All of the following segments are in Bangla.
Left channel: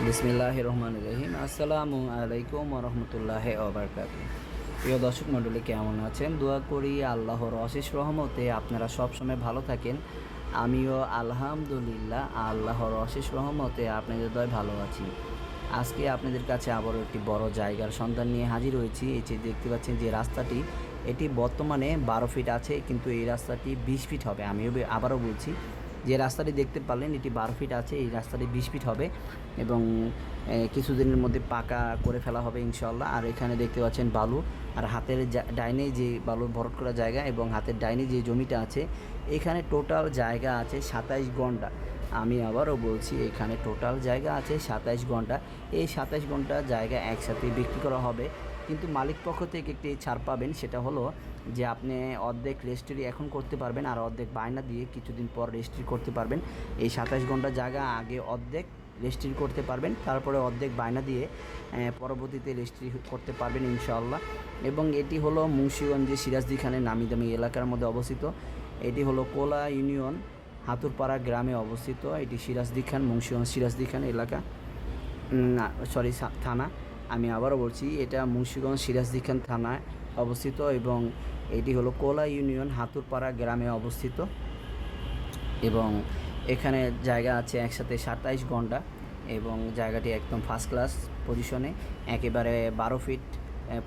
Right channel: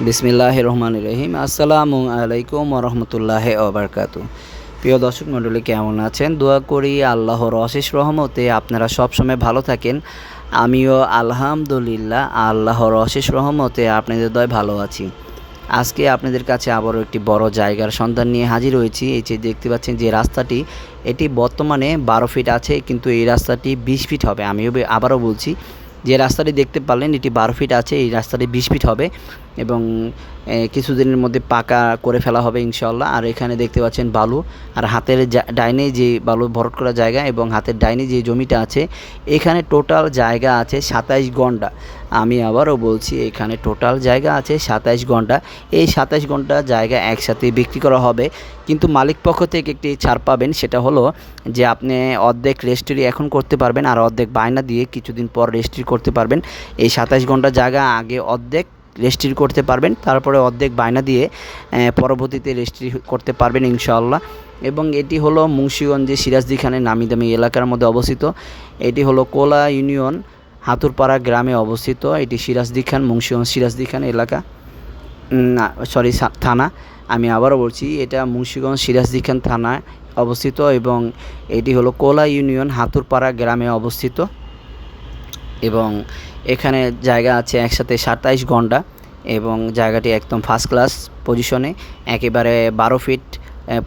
বিসমিল্লাহ রহমান রহিম আসসালামু আলাইকুম রহমতুল্লাহ ওবরকাতু প্রিয় দর্শক মণ্ডলী, কেমন আছেন? দোয়া করি আল্লাহর অশেষ রহমতে আপনারা সবসময় ভালো থাকেন। আমিও আলহামদুলিল্লাহ আল্লাহর অশেষ রহমতে আপনাদের দয় ভালো আছি। আজকে আপনাদের কাছে আবারও একটি বড় জায়গার সন্ধান নিয়ে হাজির হয়েছি। এই যে দেখতে পাচ্ছেন যে রাস্তাটি, এটি বর্তমানে বারো ফিট আছে, কিন্তু এই রাস্তাটি বিশ ফিট হবে। আমিও আবারও বলছি যে রাস্তাটি দেখতে পারলেন, এটি বারো ফিট আছে, এই রাস্তাটি বিশ ফিট হবে এবং কিছুদিনের মধ্যে পাকা করে ফেলা হবে ইনশাল্লাহ আর এখানে দেখতে পাচ্ছেন বালু। আর হাতের ডাইনে যে বালু ভরট করা জায়গা এবং হাতের ডাইনে যে জমিটা আছে, এখানে টোটাল জায়গা আছে সাতাইশ ঘণ্টা। আমি আবারও বলছি, এখানে টোটাল জায়গা আছে সাতাইশ ঘণ্টা। এই সাতাইশ ঘণ্টা জায়গা একসাথে বিক্রি করা হবে। কিন্তু মালিক পক্ষ থেকে একটি ছাড় পাবেন, সেটা হলো যে আপনি অর্ধেক রেজিস্ট্রি এখন করতে পারবেন, আর অর্ধেক বায়না দিয়ে কিছুদিন পর রেজিস্ট্রি করতে পারবেন। এই সাতাইশ ঘণ্টা জায়গা আগে অর্ধেক রেজিস্ট্রি করতে পারবেন। তারপরে অর্ধেক বায়না দিয়ে পরবর্তীতে রেজিস্ট্রি করতে পারবেন ইনশাআল্লাহ। এবং এটি হলো মুন্সিগঞ্জে সিরাজদি খানের নামি দামি এলাকার মধ্যে অবস্থিত। এটি হলো কোলা ইউনিয়ন, হাতুরপাড়া গ্রামে অবস্থিত। এটি সিরাজদি খান, মুন্সিগঞ্জ সিরাজদি খান এলাকা। সরি থানা। আমি আবারও বলছি, এটা মুন্সিগঞ্জ সিরাজদি খান থানায় অবস্থিত এবং এটি হলো কোলা ইউনিয়ন, হাতুরপাড়া গ্রামে অবস্থিত। এবং এখানে জায়গা আছে একসাথে সাতাইশ ঘণ্টা এবং জায়গাটি একদম ফার্স্ট ক্লাস পজিশনে একেবারে বারো ফিট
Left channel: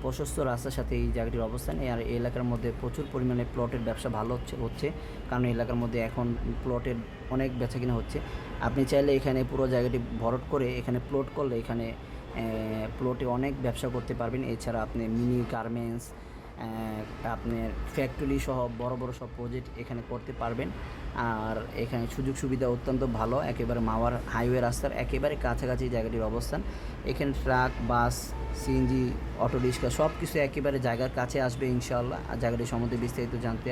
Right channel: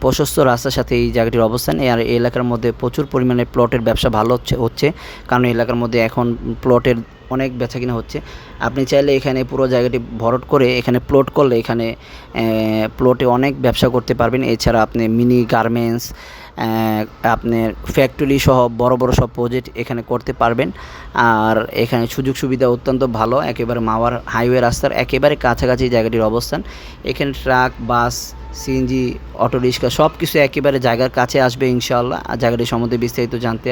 প্রশস্ত রাস্তার সাথে এই জায়গাটির অবস্থান। আর এই এলাকার মধ্যে প্রচুর পরিমাণে প্লটের ব্যবসা ভালো হচ্ছে হচ্ছে। কারণ এই এলাকার মধ্যে এখন প্লটের অনেক বেচা কিনা হচ্ছে। আপনি চাইলে এখানে পুরো জায়গাটি ভরট করে এখানে প্লট করলে এখানে প্লটে অনেক ব্যবসা করতে পারবেন। এছাড়া আপনি মিনি গার্মেন্টস আপনার ফ্যাক্টরি সহ বড় বড় সব প্রজেক্ট এখানে করতে পারবেন। আর এখানে সুযোগ সুবিধা অত্যন্ত ভালো, একেবারে মাওয়ার হাইওয়ে রাস্তার একেবারে কাছাকাছি জায়গাটির অবস্থান। এখানে truck bus CNG auto rickshaw সব কিছু একেবারে জায়গার কাছে আসবে ইনশাআল্লাহ। জায়গাটি সম্বন্ধে বিস্তারিত জানতে